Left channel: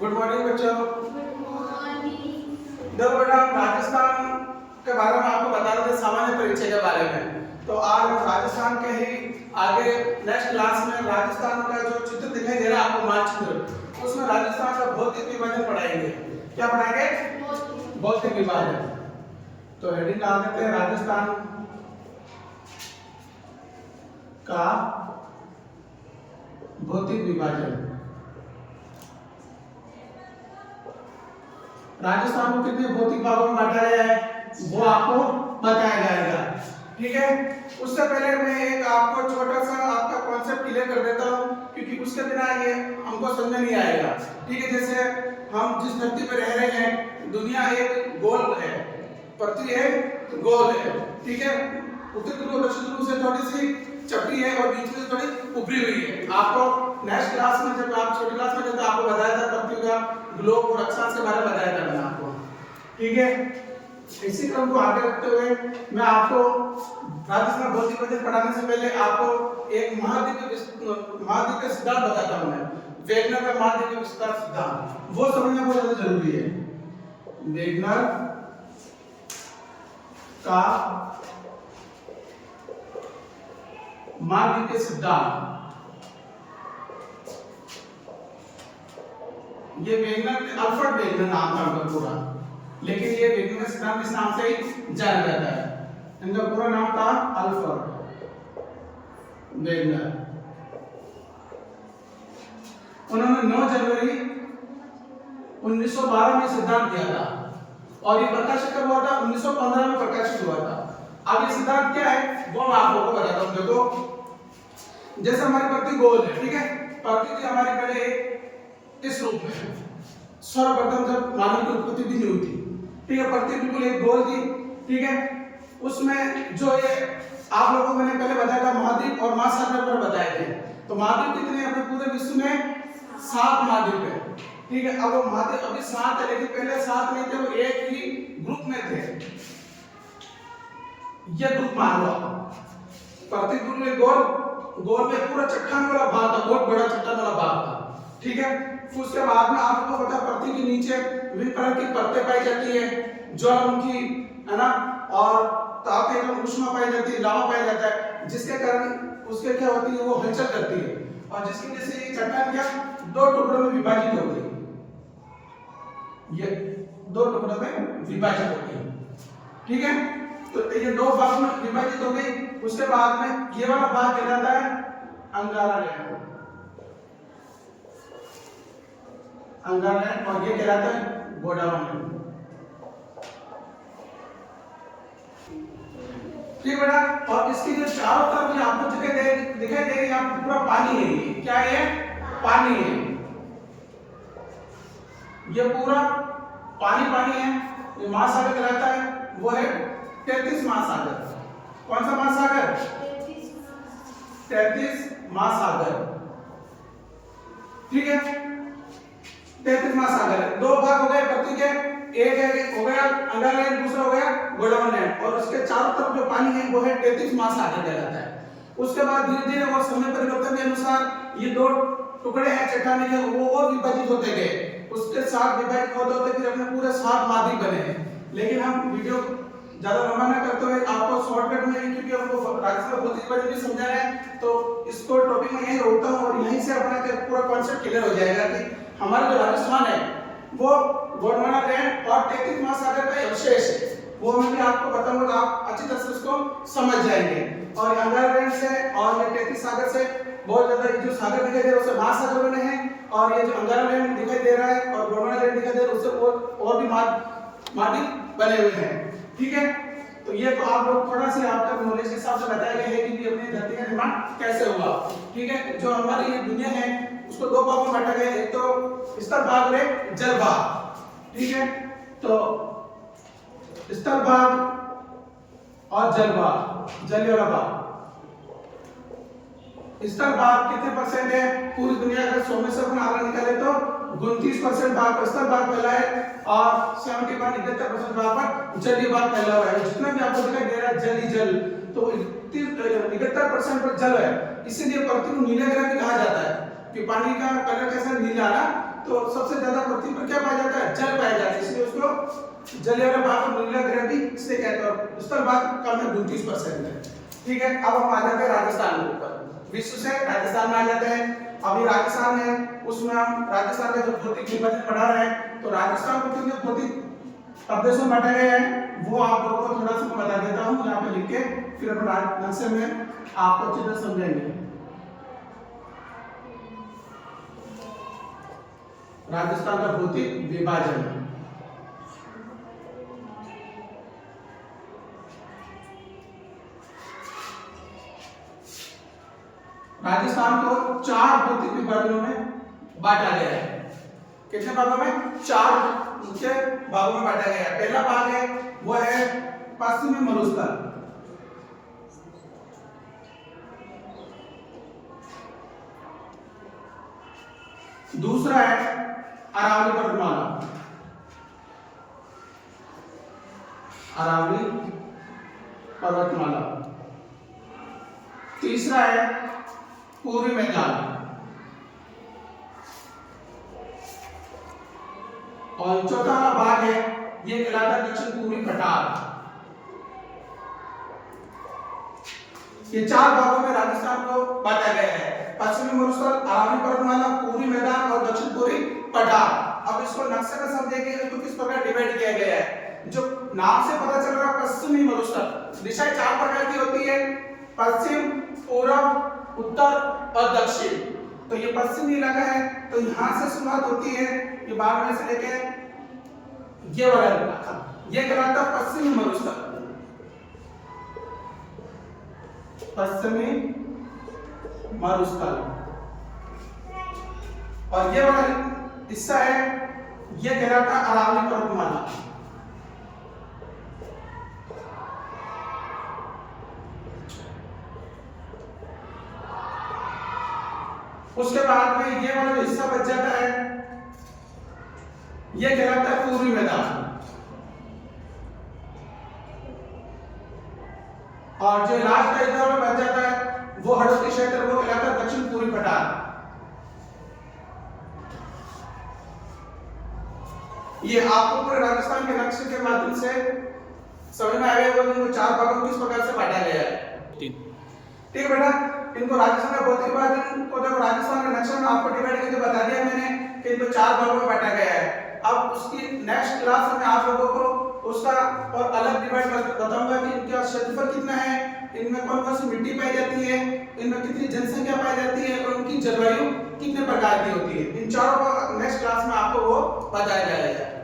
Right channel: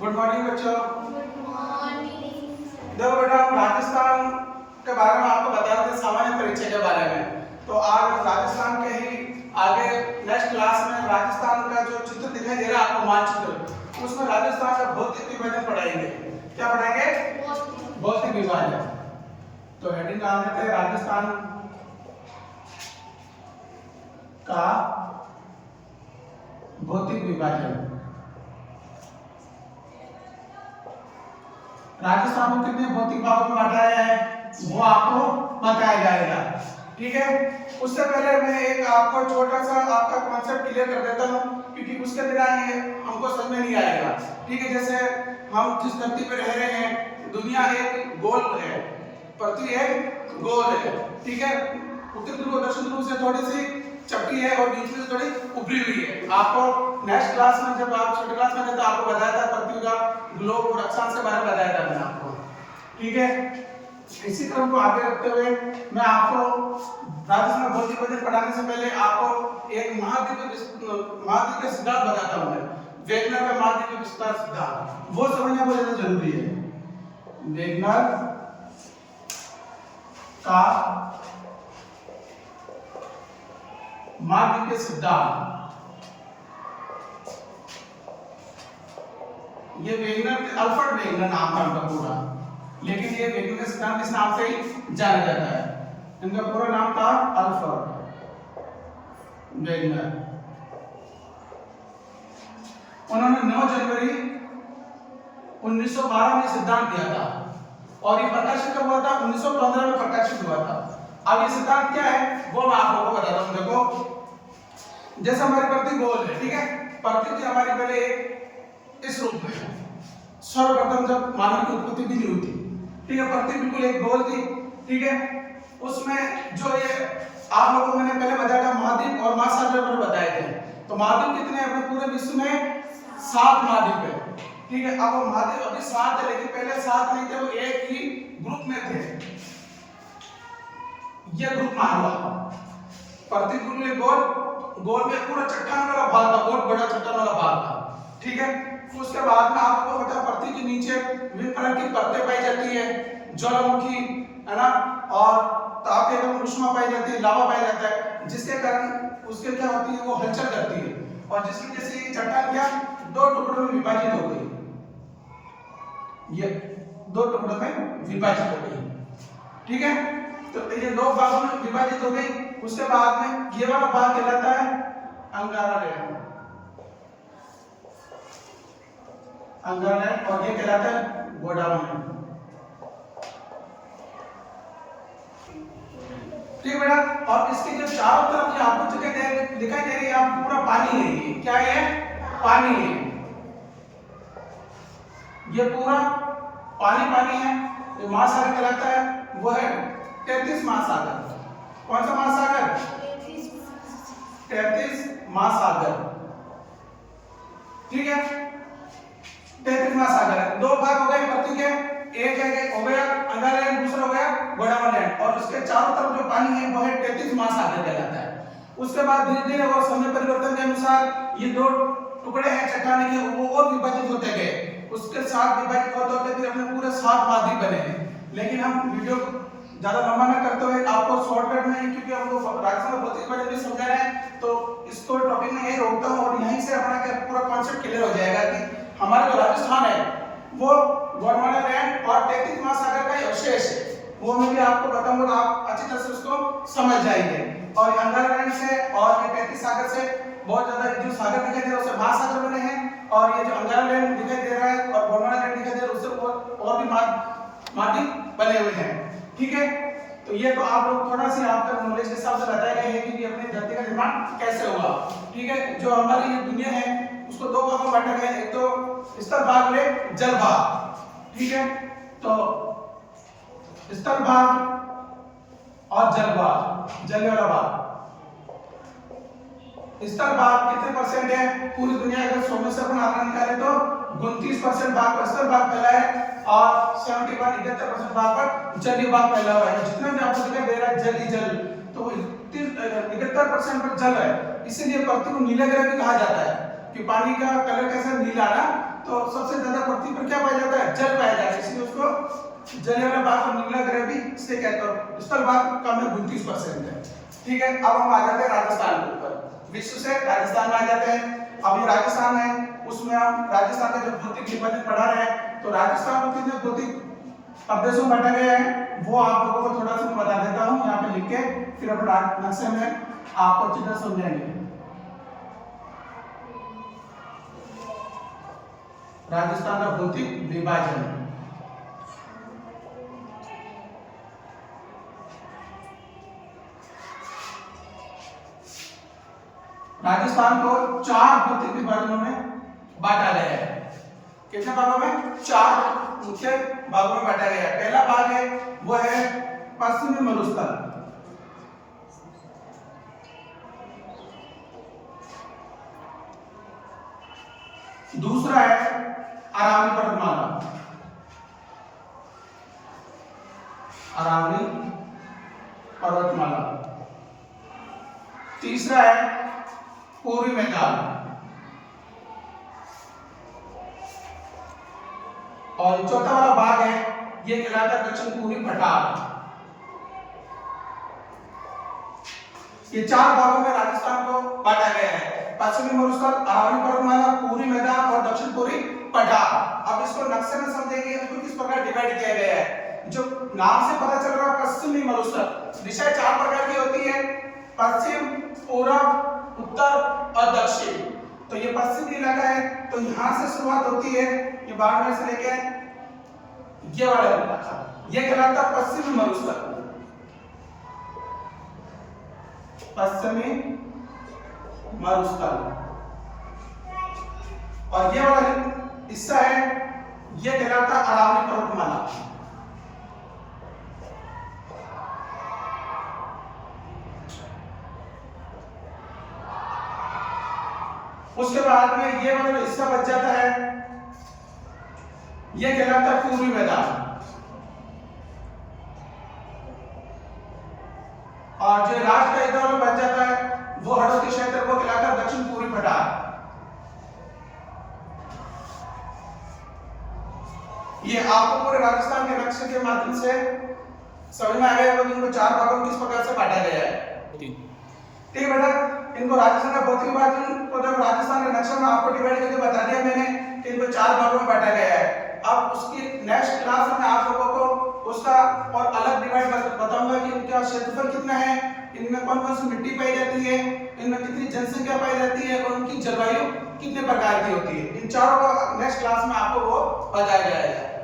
Good morning बच्चों। देखो बेटा, हम राजस्थान के बारे में आपको बता रहे थे सामान्य परिचय के बारे में। तो आज हम राजस्थान के ही आगे नेक्स्ट क्लास में राजस्थान का जो चित्र दिखाई दे रहा है आपको, मानचित्र, उसमें राजस्थान का भौतिक विभाजन पढ़ाएंगे। क्या पढ़ाएंगे? भौतिक विभाजन। तो हेडिंग डाल देते हैं, राजस्थान का भौतिक विभाजन। राजस्थान को कितने भौतिक भागों में बांटा गया है वो आपको बताया जाएगा। ठीक है, उससे पहले मैं एक आपको छोटा सा आपका कॉन्सेप्ट क्लियर कर देता हूँ, क्योंकि उसके बिना ये हमको समझ में नहीं आएगा। ठीक है, जैसे हम जिस धरती पर रह रहे हैं, दुनिया एक गोल है, पृथ्वी एक गोल है। ठीक है, उत्तर ध्रुव दक्षिण ध्रुव से थोड़ी सी चपटी है और बीच में थोड़ी उभरी हुई है। आपको नेक्स्ट क्लास में, जब आप छोटी क्लास में थे तो आपको बताया था पृथ्वी का ग्लोब और अक्षांश के बारे में बताया था मैंने आपको। ठीक है, इसी क्रम को आगे रखते हुए मैं आपको राजस्थान भौतिक विभाजन पढ़ाने से पहले आपको एक महाद्वीपीय सिद्धांत बताता हूं मैं। वेगनर का महाद्वीपीय विस्तार सिद्धांत, वो समझना बहुत ज्यादा जरूरी है। वेगनर का महाद्वीपीय सिद्धांत, ये वेगनर, अल्फ्रेड वेगनर नाम था उनका पूरा, लेकिन ये वेगनर का सिद्धांत इस नाम से ही जाना जाता है। इनका पूरा नाम था अल्फ्रेड वेगनर। उन्होंने 9 जनवरी 1912 में सिद्धांत दिया था और ये प्रकाशित कब हुआ था? 1915 में प्रकाशित हुआ था। अब ये सिद्धांत क्या है वो मैं आपको बताता हूँ। देखो, जैसे हमारी पृथ्वी गोल है, ठीक है, पृथ्वी हमारी पहले एक इस रूप में है। सर्वप्रथम जब मानव की उत्पत्ति भी नहीं हुई थी, ठीक है, पृथ्वी बिल्कुल एक गोल थी। ठीक है, उसमें जो ये आप लोगों को मैंने पहले बताया था महाद्वीप और महासागर मैंने बताए थे। तो महाद्वीप कितने हैं अपने पूरे विश्व में? 7 महाद्वीप है। ठीक है, अब वो महाद्वीप अभी 7 है, लेकिन पहले 7 नहीं थे, वो एक ही ग्रुप में थे। ये ग्रुप मान लो, पृथ्वी बिल्कुल एक गोल में पूरा चट्टान वाला भाग था, बहुत बड़ा चट्टान वाला भाग था। ठीक है, उसके बाद में आपको पता है पृथ्वी के नीचे विभिन्न प्रकार की परतें पाई जाती है, ज्वालामुखी है ना, और ताप एवं ऊष्मा पाई जाती है, लावा पाया जाता है, जिसके कारण उसके क्या होती है, वो हलचल करती है, और जिसकी वजह से ये चट्टान क्या 2 टुकड़ों में विभाजित हो गई। ये 2 टुकड़ों में विभाजित हो गई। ठीक है, तो ये 2 भागों में विभाजित हो गई। उसके बाद में ये वाला भाग कहलाता है अंगारालैंड, अंगारालैंड, और ये कहलाता है गोंडवानालैंड। ठीक है बेटा, और इसकी जो चारों तरफ ये आपको जगह दिखाई दे रही है, आपको पूरा पानी है। ये क्या है? पानी है। ये पूरा पानी है। ये महासागर कहलाता है, वो है 33 महासागर। कौन सा महासागर? 33 महासागर। ठीक है, 33 महासागर। 2 भाग हो गए पृथ्वी के, एक है हो गया अंगारलैंड, दूसरा हो गया गोंडवानालैंड, और उसके चारों तरफ जो पानी है वो है 33 महासागर कहलाता है। उसके बाद धीरे धीरे और समय परिवर्तन के अनुसार ये 2 टुकड़े हैं चट्टान के, वो और विभाजित होते गए। उसके साथ विभाजित होते होते फिर अपने पूरे 7 महाद्वीप बने हैं। लेकिन हम वीडियो ज्यादा लंबा ना करते हुए आपको शॉर्टकट में ही, क्योंकि हमको राजस्थान भौतिक विभाजन भी समझना है, तो इसको टॉपिक में यही रोकता हूँ और यहीं से अपना पूरा कॉन्सेप्ट क्लियर हो जाएगा कि हमारा जो राजस्थान है वो गोंडवानालैंड और 33 महासागर का अवशेष है। वो मैं भी आपको बताऊंगा, आप अच्छी तरह से उसको समझ जाएंगे। और अंगारलैंड से और ये 33 सागर से बहुत ज्यादा जो सागर दिखाई दे रहा है उससे महासागर बने हैं, और ये जो अंगारलैंड दिखाई दे रहा है और गोंडवानालैंड दिखाई दे रहा है उससे और भी महाद्वीप बने हुए हैं। ठीक है, तो ये तो आप लोग थोड़ा सी आपका नॉलेज के हिसाब से बताया गया है कि अपनी धरती का निर्माण कैसे हुआ। ठीक है, जो हमारी ये दुनिया है उसको 2 भागों में बांटा गया है, एक तो स्थल भाग और एक जल भाग। ठीक है, तो स्थल भाग और जल भाग, जल वाला भाग। स्थल भाग कितने परसेंट है पूरी दुनिया का? 100 में से अपन आंकड़ा निकाले तो 29% भाग स्थल भाग फैला है और 71% भाग पर जलीय भाग फैला हुआ है। जितना भी आपको दिखाई दे रहा है जल ही जल, तो 71% पर जल है। इसीलिए पृथ्वी को नीला ग्रह भी कहा जाता है कि पानी का कलर कैसा नीला ना, तो सबसे ज्यादा पृथ्वी पर क्या पाया जाता है? जल पाया जाता है, इसलिए उसको जलीय वाले भाग को नीला ग्रह भी इसलिए कहते हैं। स्थल भाग कम में 29% है। ठीक है, अब हम आ जाते हैं राजस्थान के ऊपर। विश्व से राजस्थान में आ जाते हैं। अब ये राजस्थान है, उसमें हम राजस्थान का जो भौतिक विभाजन पढ़ा रहे हैं, तो राजस्थान को कितने भौतिक प्रदेशों में बांटा गया है वो आप लोगों को थोड़ा सा बता देता हूँ यहाँ पे लिख के, फिर हम नक्शे में आपको अच्छी तरह समझाएंगे। राजस्थान का भौतिक विभाजन, राजस्थान को 4 भौतिक विभाजनों में बांटा गया है। कितने भागों में? 4 मुख्य भागों में बांटा गया है। पहला भाग है वो है पश्चिमी मरुस्थल, दूसरा है अरावली पर्वतमाला, अरावली पर्वतमाला, तीसरा है पूर्वी मैदान, और चौथा वाला भाग है ये कहलाता है दक्षिण पूर्वी पठार। ये 4 भागों में राजस्थान को बांटा गया है, पश्चिमी मरुस्थल, अरावली पर्वतमाला, पूर्वी मैदान और दक्षिण पूर्वी पठार। अब इसको नक्शे में समझेंगे इनको किस प्रकार डिवाइड किया गया है। जो नाम से पता चल रहा है पश्चिमी मरुस्थल, दिशाएं 4 प्रकार की होती है, पश्चिम, पूर्व, उत्तर और दक्षिण। तो ये पश्चिमी इलाका है, तो यहां से शुरुआत होती है, ये बाड़मेर से लेके ये वाला इलाका, ये कहलाता है पश्चिमी मरुस्थल, पश्चिमी मरुस्थल। और ये वाला हिस्सा है ये कहलाता है अरावली पर्वतमाला। उसके बाद में ये वाला जो हिस्सा बच जाता है ये कहलाता है पूर्वी मैदान, और जो लास्ट का हिस्सा बच जाता है वो हड़ौती क्षेत्र, वो कहलाता है दक्षिण पूर्वी पठार। ये आपको पूरे राजस्थान के नक्शे के माध्यम से समझ में आ गया होगा इनको 4 भागों में किस प्रकार से बांटा गया है। ठीक है बेटा, इनको राजस्थान का भौतिक विभाजन को जब राजस्थान के नक्शे में आपको डिवाइड करके बता दिया मैंने कि इनको 4 भागों में बांटा गया है। अब उसकी नेक्स्ट क्लास में आप लोगों को उसका और अलग डिवाइड बताऊंगा कि उनका क्षेत्रफल कितना है, इनमें कौन कौन सी मिट्टी पाई जाती है, इनमें कितनी जनसंख्या पाई जाती है और उनकी जलवायु कितने प्रकार की होती है। इन चारों का नेक्स्ट क्लास में आपको वो बताया जाएगा।